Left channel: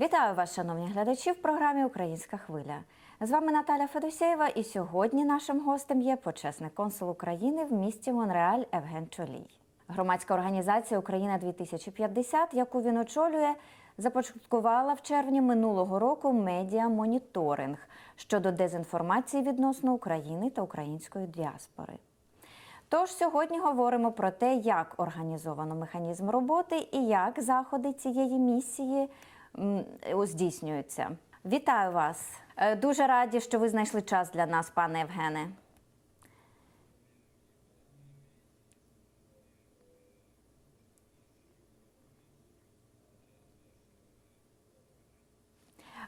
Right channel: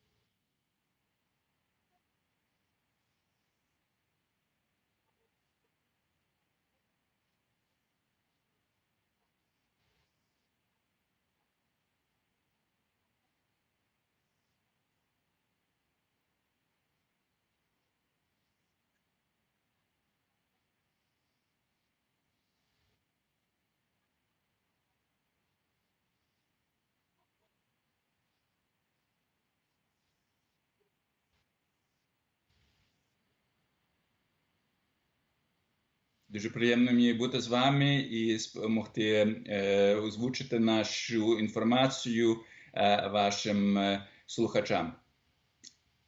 Вітаю вас, шановні глядачі, в програмі Українська хвиля. З вами Наталя Федосєєва, і сьогодні нашим гостем є почесний консул України в місті Монреаль Евген Чолій. Громадська організація Україна 2050, яку він очолює, започаткувала в червні минулого року медіа-моніторинг щодо дезінформації відносно України та української діаспори. Тож сьогодні говоримо про те, як організовано механізм роботи і як заходи цієї місії здійснюються. Вітаю вас! Е, Дуже раді, що ви знайшли час для нас, пане Євгене. Дуже приємно мені бути з вами і допомогти е, озвучити нашу інформацію е, вашим е, слухачам.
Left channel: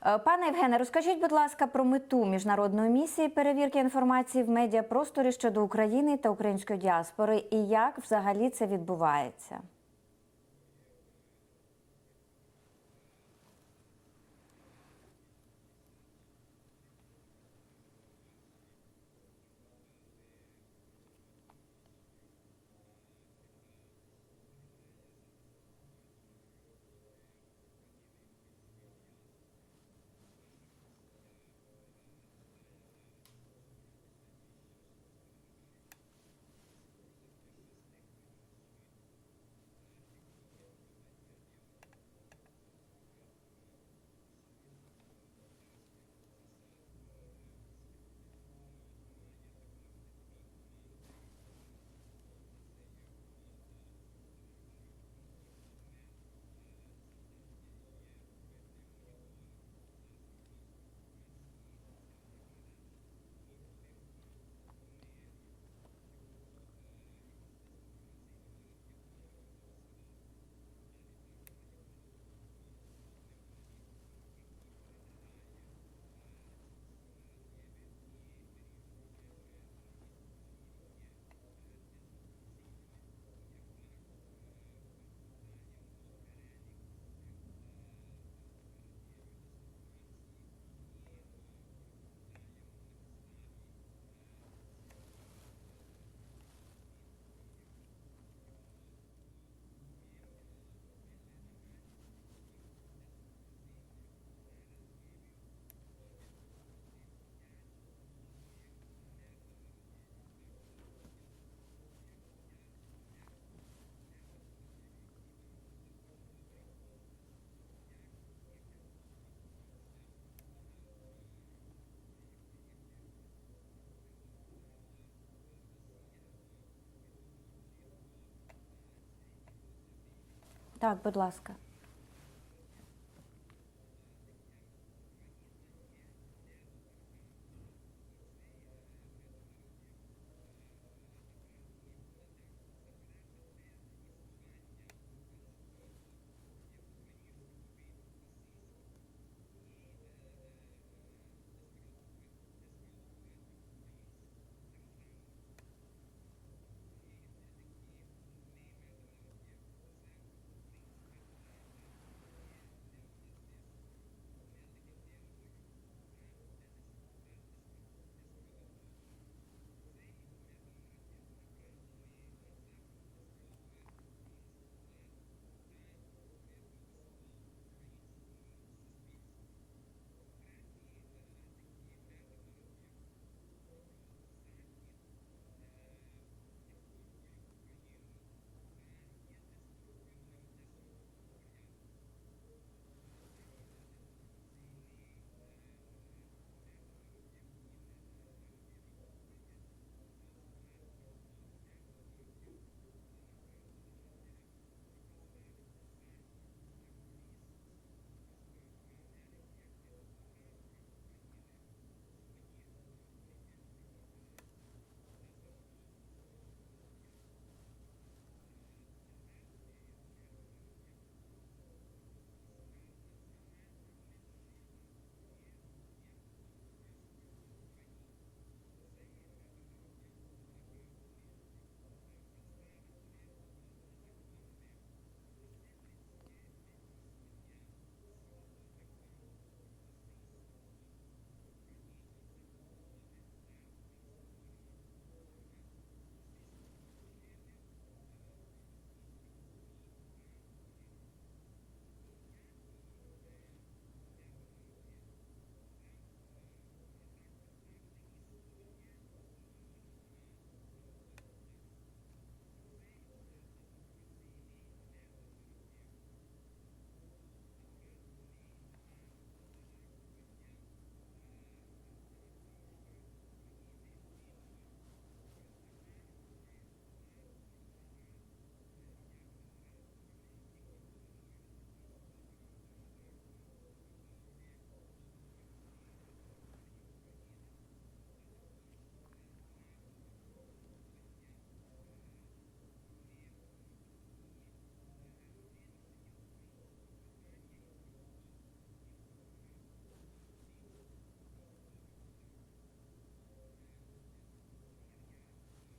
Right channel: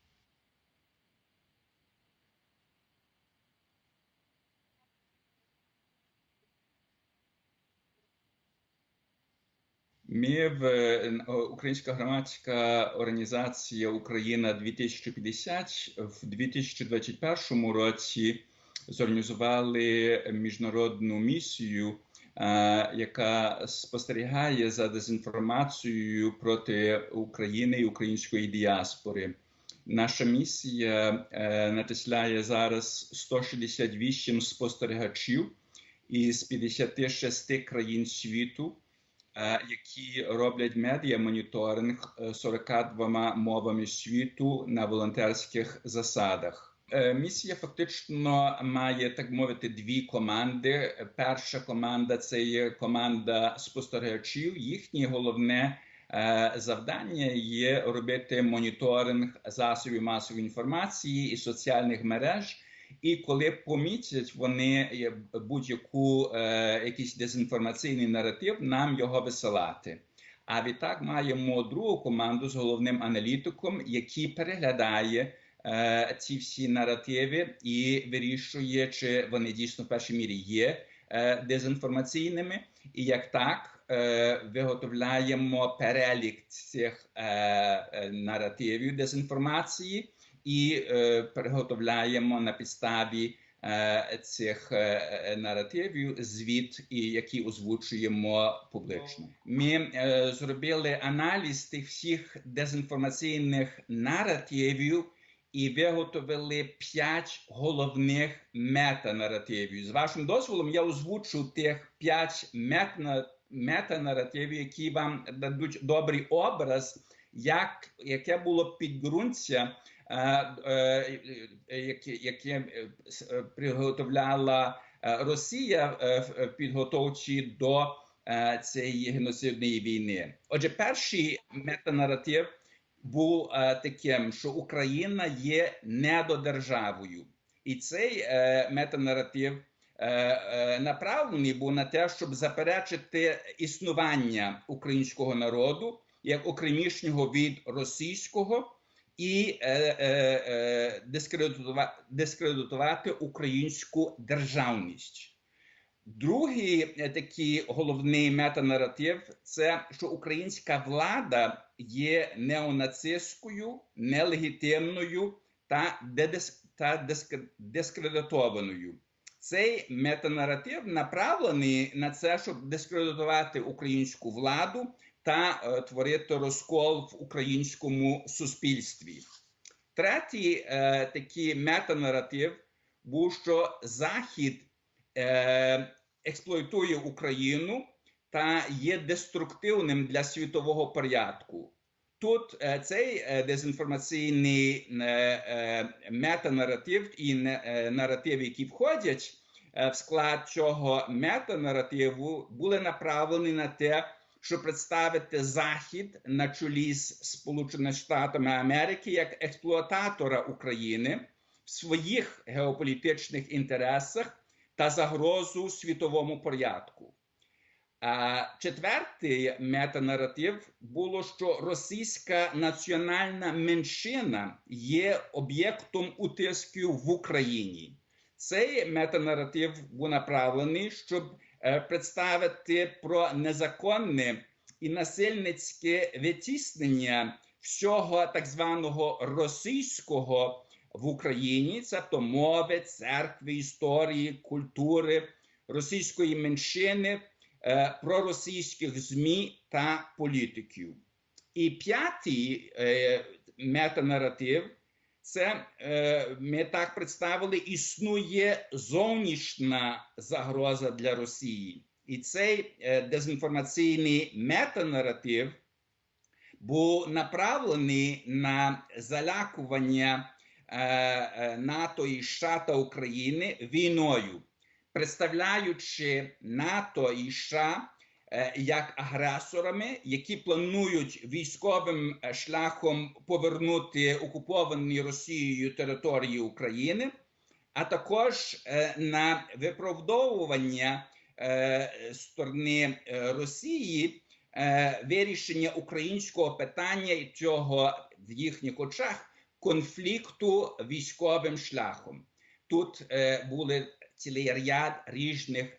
Е, Пане Євгене, розкажіть, будь ласка, про мету міжнародної місії перевірки інформації в медіапросторі щодо України та української діаспори, і як взагалі це відбувається? Ми в е, Українська громадська організація Україна 2050 в 2021 році зорганізували міжнародну місію, яка спостерігає за дезінформацією проти України і української діаспори. Наша місія е, натисляє зараз 168 спостерігачів із 56 країн світу, які роблять медіа-моніторинг е, 42 мовами світу на волонтерських засадах. Е, Місія фактично має так мовити дві команди. Перша команда це є команда спостерігачів. Їхнє головне е, завдання є робити моніторинг засобів масової інформації і соціальних мереж. І коли помітять вони будь-яку е, якийсь дезінформаційний наратив, нам його висилати. А відтак маємо другу команду з головним аналітиком, який переглядає е, ці всі наративи і вирішує, чи вони дійсно в першій мірі є е, дезінформаційними, і як так е, виготовляємо перелік цих е, е, наративів дезінформації і е, переготовляємо на підставі е, цих е, наративів звіт, які озвучуємо публічно. Ми зробили аналіз тих всіх дезінформаційних наративів і виготовили п'ять головних метанаративів. З вашим дозволом я озвучу тих п'ять метанаративів, які вам дадуть добрий образ, як, яке було підґрунтя, яке, яке е, с- е, приготовляла е, Росія е, в е, підготовчі до е, цієї геноцидної війни. Отже, перший метанаратив був е, таким, що Україна є недодержавою, і цей е, метанаратив е, е, направлений був на те, щоб заперечити існування українського народу як окремішнього від російського. І е, е, е, дискредитувати, дискредитувати українську державність. Другий е, такий головний метанаратив це що українська влада є неонацистською, нелегітимною та, та диск- дискредитованою. Цей метанаратив направлений на це, щоб дискредитувати українську владу та е, творити розкол в українському суспільстві. Третій е, такий метанаратив був, що Захід е, експлуатує Україну та є деструктивним для світового порядку. Тут цей дезінформаційний метанаратив і не- наративи, які входять в склад цього метанаративу, були направлені на те, щоб представити Захід на чолі з Сполученими Штатами Америки як експлуататора України в своїх геополітичних інтересах та загрозу світовому порядку. А четвертий метанаратив було, що російська національна меншина є об'єктом утисків в Україні. Цей метанаратив був направлений, щоб представити про незаконне і насильницьке витіснення всього так званого російського в Україні, тобто мови, церкви, історії, культури російської меншини, е, проросійських ЗМІ та політиків. І п'ятий е, метанаратив. Це е, ми так представили, існує зовнішня загроза для Росії, і цей е, дезінформаційний метанаратив був направлений на залякування е, НАТО і США та України війною, представляючи НАТО і США як агресорами, які планують військовим е, шляхом повернути окуповані Росією території України, а також е, на виправдовування е, сторони е, Росії е, вирішення українського питання і цього в їхніх очах конфлікту військовим шляхом. Тут е, були цілий ряд різних е,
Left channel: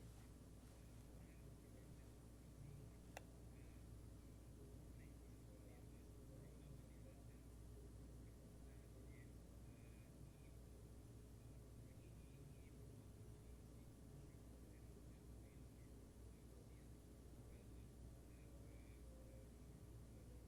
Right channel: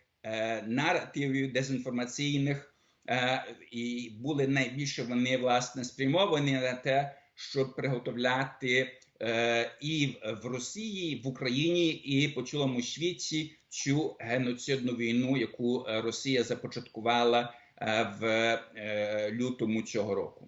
наративів дезінформаційних, е, і були найбільше вони власне спрямовані на те, щоб приготовляти е, і в- Росії, і в Україні, і по цілому світі цю геноцидну війну, яку е, Росія започаткувала е, в е, лютому цього року.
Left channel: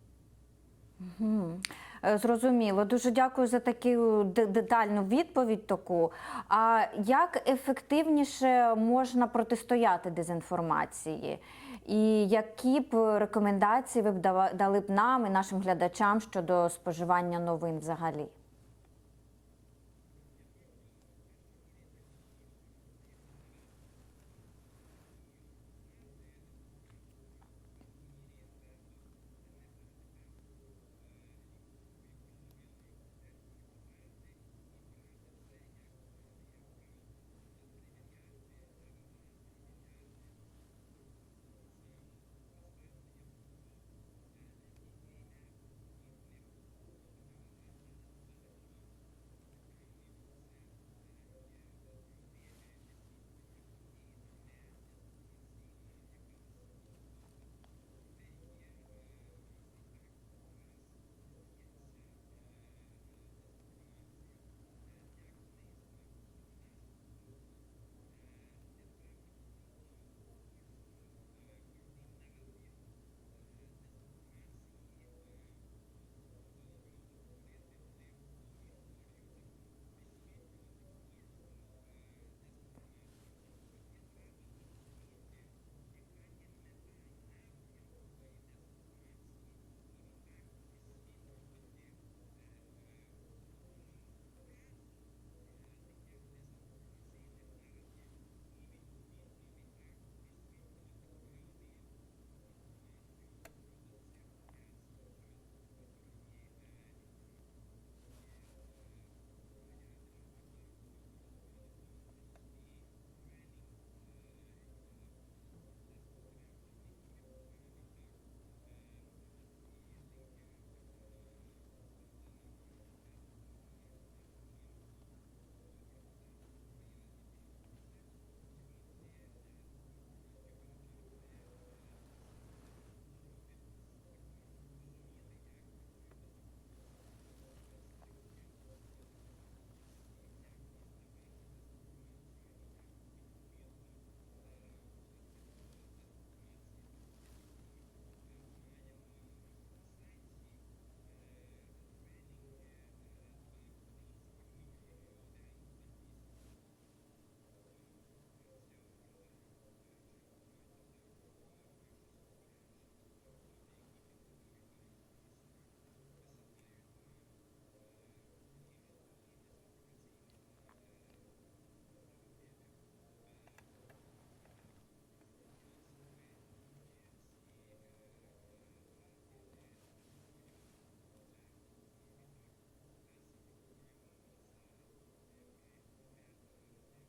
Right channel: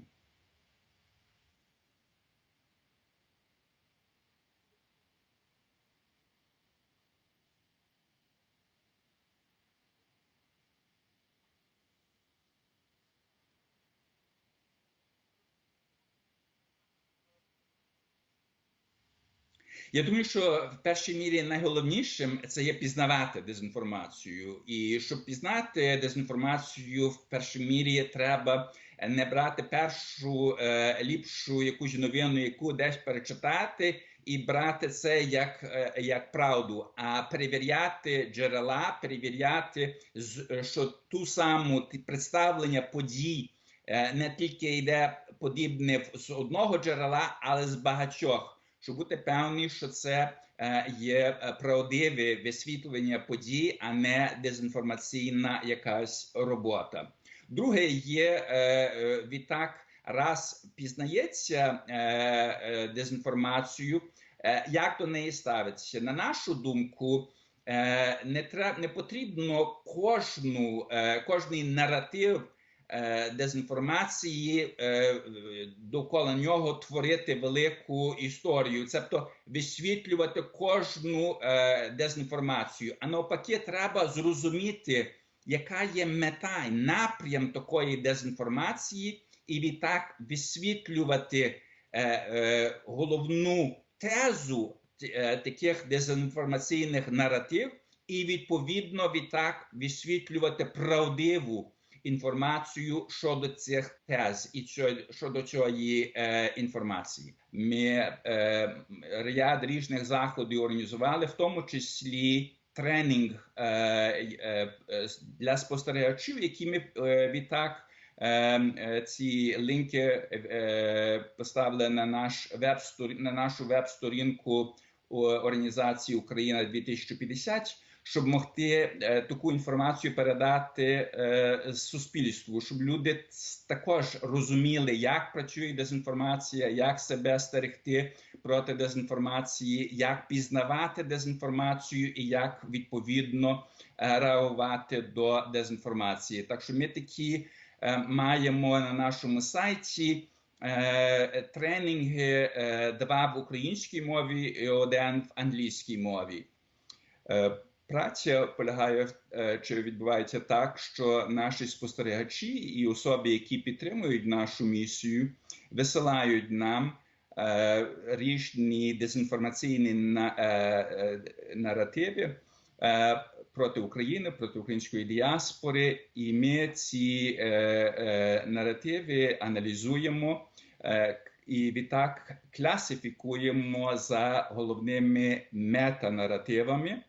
Мгм. Е, Зрозуміло. Дуже дякую за таку детальну відповідь. Таку. А як ефективніше можна протистояти дезінформації? І які б рекомендації ви б дали б нам і нашим глядачам щодо споживання новин взагалі? Я думаю, що в першій мірі найголовнішим це є пізнавати дезінформацію. І щоб пізнати дезінформацію, в першій мірі треба не брати першу е, ліпшу якусь новину, яку десь перечитати, і брати це як, е, як правду, а перевіряти джерела, перевіряти, е, що ту саму представлення подій не тільки йде подібне з одного джерела, але з багатьох щоб бути певні, що це є правдиве висвітлення подій, а не дезінформаційна якась робота. Друге є е, е, відтак, раз пізнається е, дезінформацію, як до неї ставиться. На нашу думку, не треба не потрібно кожну, кожний наратив дезінформації довкола нього творити велику історію, тобто висвітлювати кожну дезінформацію. А навпаки, треба зрозуміти, яка є мета і напрям такої дезінформації, і відтак висвітлювати е, е, головну тезу е, таких дезінформаційних наратив, і відповідно відтак висвітлювати правдиву інформацію щодо цих тез і щодо цієї е, інформації. Ми е, ряд різних заходів організували, в тому числі тренінг е, е, е, для спостерігачів, які ми відтак. Ці лінки поставили на наш веб на нашу веб-сторінку організації Україна 2050 щоб могти е, таку інформацію передати е, суспільству, щоб люди також розуміли, як працює дезінформація, як себе стерегти проти дезінформації, як пізнавати дезінформацію і як відповідно е, реагувати до дезінформації. Так що ми такі е, маємо на нашому сайті. е, Тренінги два в українській мові і один в англійській мові. Праця полягає чи відбувається так, що наші спостерігачі і особи, які підтримують нашу місію, висилають нам різні дезінформаційні е, е, наративи е, проти України, проти української діаспори, і ми ці е, е, наративи аналізуємо. Е, і відтак класифікуємо за головними метанаративами,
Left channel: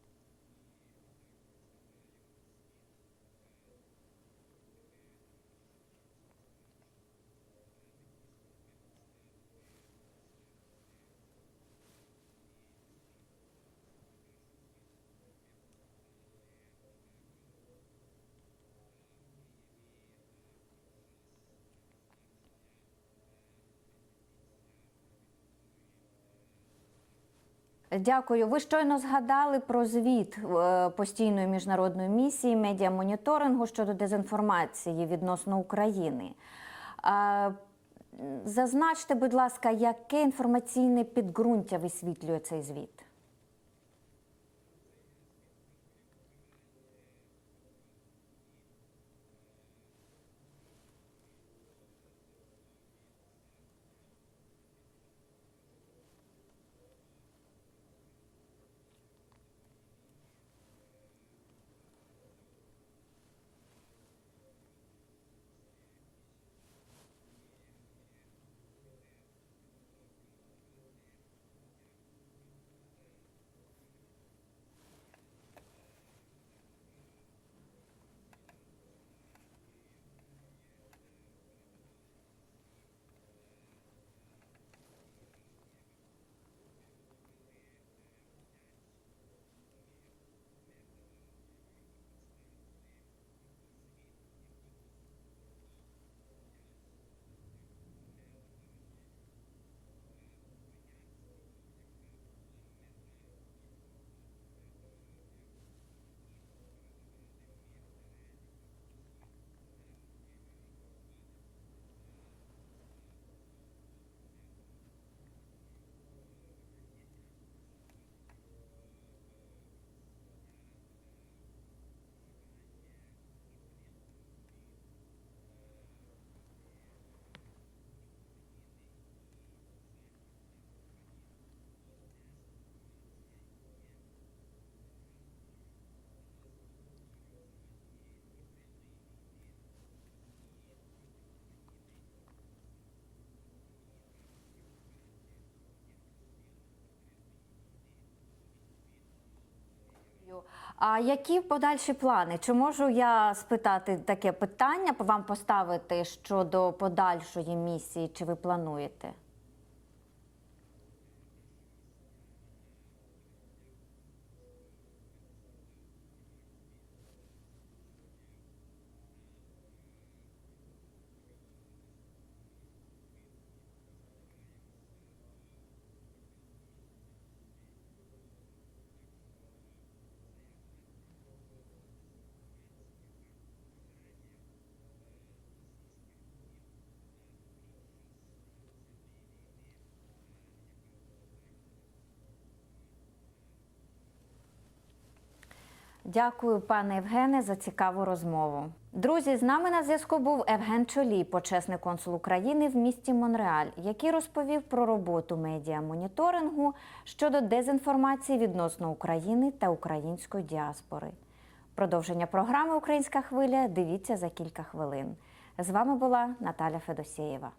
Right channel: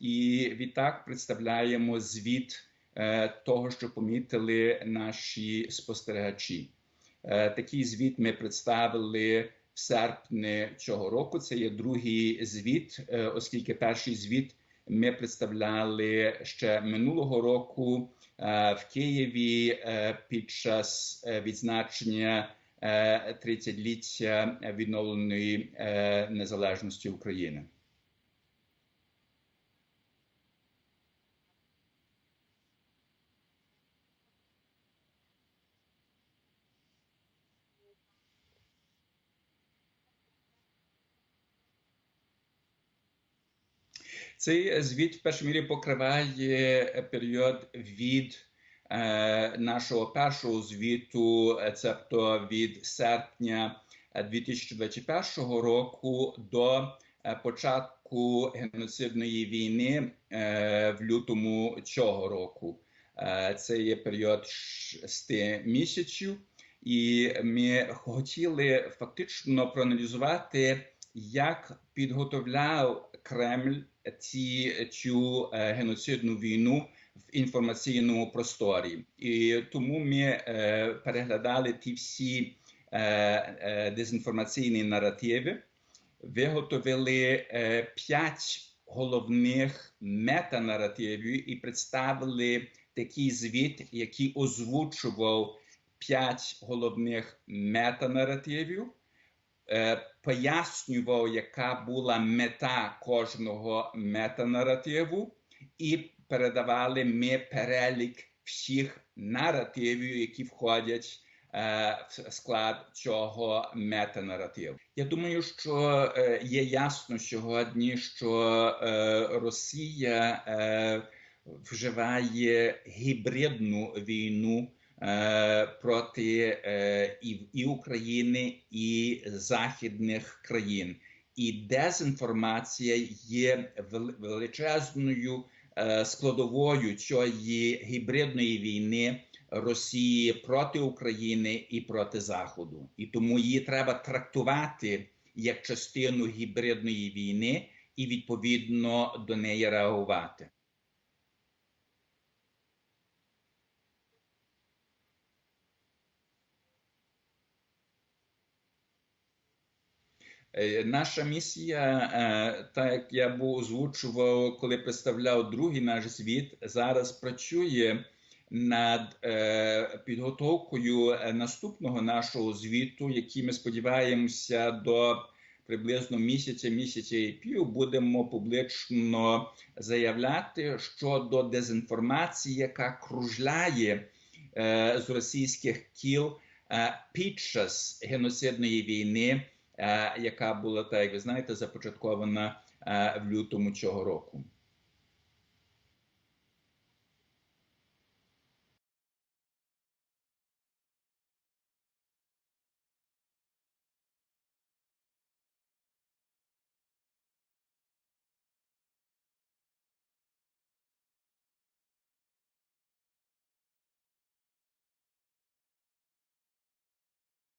і відтак представляємо звіт е, того, що помітили наші спостерігачі. Е, Такий звіт ми представили в серпні цього року. Це є другий звіт, е, оскільки перший звіт ми представляли ще минулого року е, в Києві під час відзначення е, 30-ліття відновленої незалежності України. Дякую. Ви щойно згадали про звіт постійної міжнародної місії медіамоніторингу щодо дезінформації відносно України. Е, зазначте, будь ласка, яке інформаційне підґрунтя висвітлює цей звіт? Цей звіт в першій мірі покриває період від е, нашого першого звіту, е, цебто від серпня е, 2021 року до е, початку геноцидної війни е, в лютому цього року. Е, Це є період шести місяців, і ми хотіли фактично проаналізувати, як підготовляв Кремль ці цю е, геноцидну війну в інформаційному просторі, і тому ми е, переглядали ті всі е, дезінформаційні наративи, виготовили п'ять головних метанаративів і представили такий звіт, який озвучував п'ять головних метанаративів е, пояснював, яка була мета кожного метанаративу, і передавали ми перелік всіх наративів, які входять е, в склад цього метанаративу. Я думаю, що е, є ясно сьогодні, що Росія вживає гібридну війну проти е, і, і України, і західних країн. І дезінформація є величезною е, складовою цієї гібридної війни Росії проти України і проти Заходу. І тому її треба трактувати як частину гібридної війни і відповідно до неї реагувати. А які подальші плани? Чи можу я спитати таке питання, вам поставити щодо подальшої місії? Чи ви плануєте? Е, Наша місія, е, так як я був озвучував, коли представляв другий наш звіт, зараз працює над е, підготовкою наступного нашого звіту, який ми сподіваємося до приблизно місяця, місяця і пів будемо публічно заявляти щодо дезінформації, яка кружляє е, з російських кіл е, під час геноцидної війни е, яка була, так як ви знаєте, започаткована е, в лютому цього року. Дякую, пане Євгене, за цікаву розмову. Друзі, з нами на зв'язку був Евген Чолі, почесний консул України в місті Монреаль, який розповів про роботу медіамоніторингу щодо дезінформації відносно України та української діаспори. Продовження програми Українська хвиля дивіться за кілька хвилин. З вами була Наталя Федосєєва.